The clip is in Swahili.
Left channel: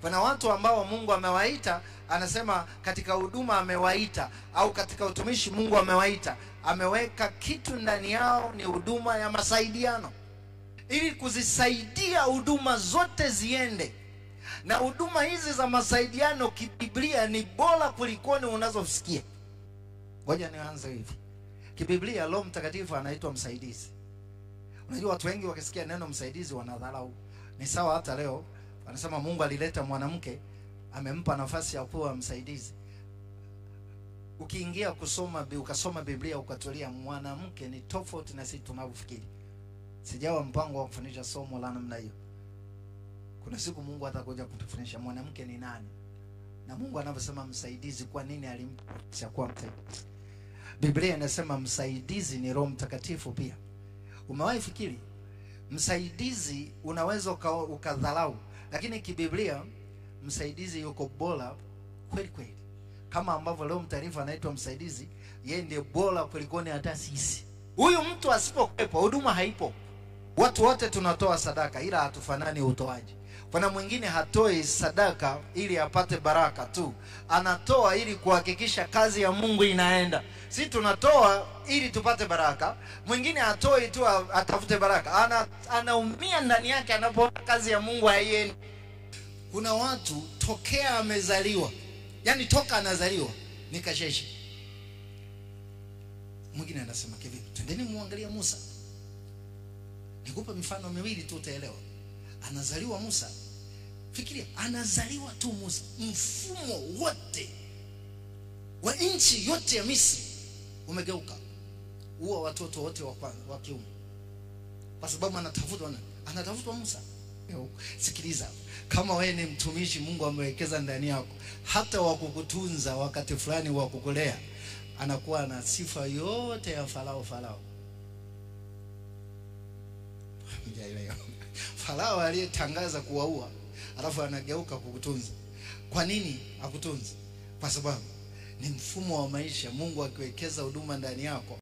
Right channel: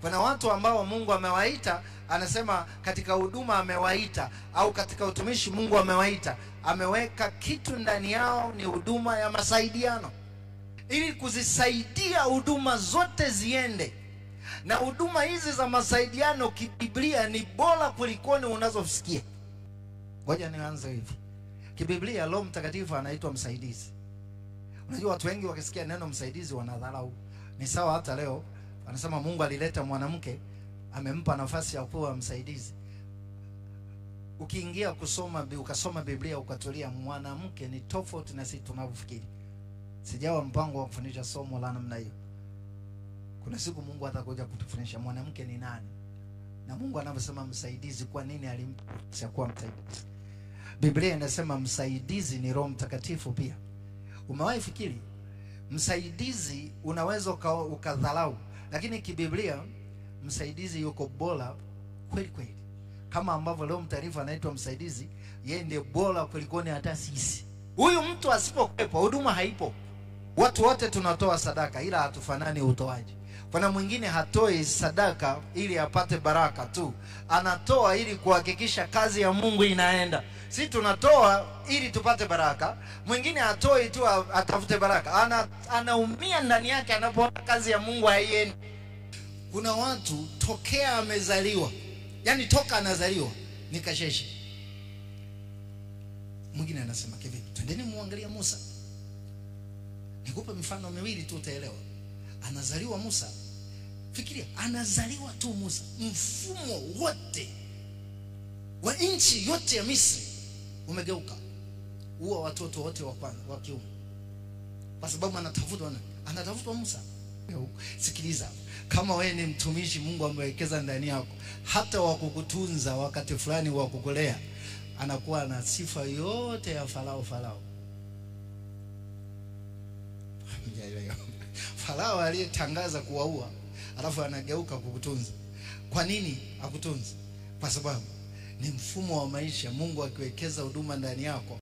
Kuna watu ambao Mungu amewaita, anasema katika huduma amewaita, au katika utumishi Mungu amewaita, ameweka kitu ndani yao, ni huduma ya masaidiano, ili kuzisaidia huduma zote ziende. Na huduma hizi za masaidiano kibiblia ni bora kulikoni unazosikia. Ngoja nianze hivi. Kibiblia Roho Mtakatifu anaitwa msaidizi. Unajua watu wengi wakisikia neno msaidizi wanadharau. Ni sawa hata leo anasema Mungu alileta mwanamke, amempa nafasi ya kuwa msaidizi. Ukiingia ukasoma Biblia ukatulia, mwanamke ni tofauti na sisi tunavyofikiri. Sijawa mpango wa kufundisha somo la namna hiyo. Kuna siku Mungu atakuja kutufundisha mwanamke ni nani. Na Mungu anavyosema msaidizi, kwa nini alimpa kuwa msaidizi? Biblia inasema msaidizi ni Roho Mtakatifu pia. Umewahi fikiri msaidizi unaweza ukadharau, lakini kibiblia msaidizi yuko bora kweli kweli. Kama ambavyo Roho Mtakatifu anaitwa msaidizi, yeye ndiye bora kulikoni hata sisi. Huyu mtu asipokuwepo huduma haipo. Watu wote tunatoa sadaka ila hatufanani utoaji. Kuna mwingine hatoi sadaka ili apate baraka tu, anatoa ili kuhakikisha kazi ya Mungu inaenda. Sisi tunatoa ili tupate baraka, mwingine hatoi tu atafute baraka, anaumia ndani yake anapoona kazi ya Mungu haiendi. Kuna watu tokea amezaliwa, yani toka anazaliwa ni kasheshe. Mwingine anasema kivipi? Twendeni muangalie Musa. Nikupe mifano miwili tu utaelewa. Anazaliwa Musa. Fikiria, anazaliwa tu Musa, mfumo wote wa nchi yote ya Misri umegeuka. Huwa watoto wote wa kiume, kwa sababu anatafutwa Musa. Sikiliza, kama wewe ni mtumishi Mungu amewekeza ndani yako, hata wakukutunza wakati fulani wa kukulea, anakuwa na sifa yote ya Farao. Farao aliyetangaza kuwaua, alafu anageuka kukutunza. Kwa nini akutunza? Kwa sababu ni mfumo wa maisha. Mungu akiwekeza huduma ndani yako,